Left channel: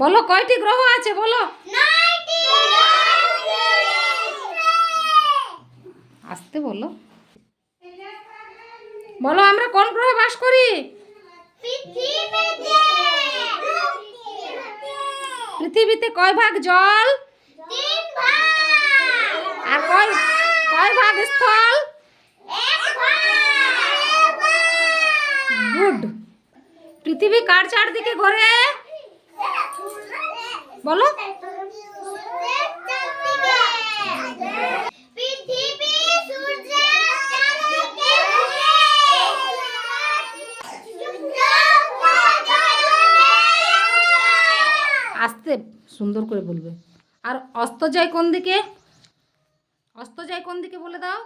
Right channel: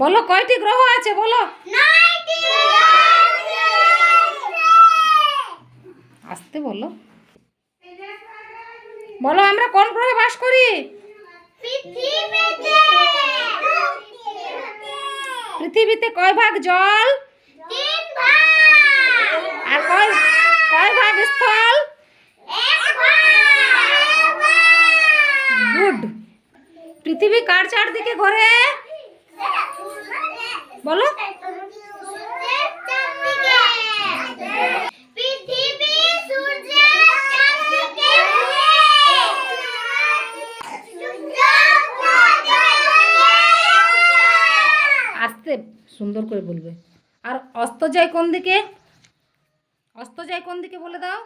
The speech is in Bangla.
বলো কয়টি গ্রহ আছে বলো। আসতে বলো। বলো আমরা কোন গ্রহে বাস করি? পৃথিবীতে। কয় ভাগ জল? আর কয় কয় ভাগ স্থল? গুড। পৃথিবী কার চারদিকে ঘোরে? বলো। আস্তে সুন্দর করে বলবে। আর অস্ত যায় কোন দিকে? অস্ত যায় কোন দিকে বলে দাও?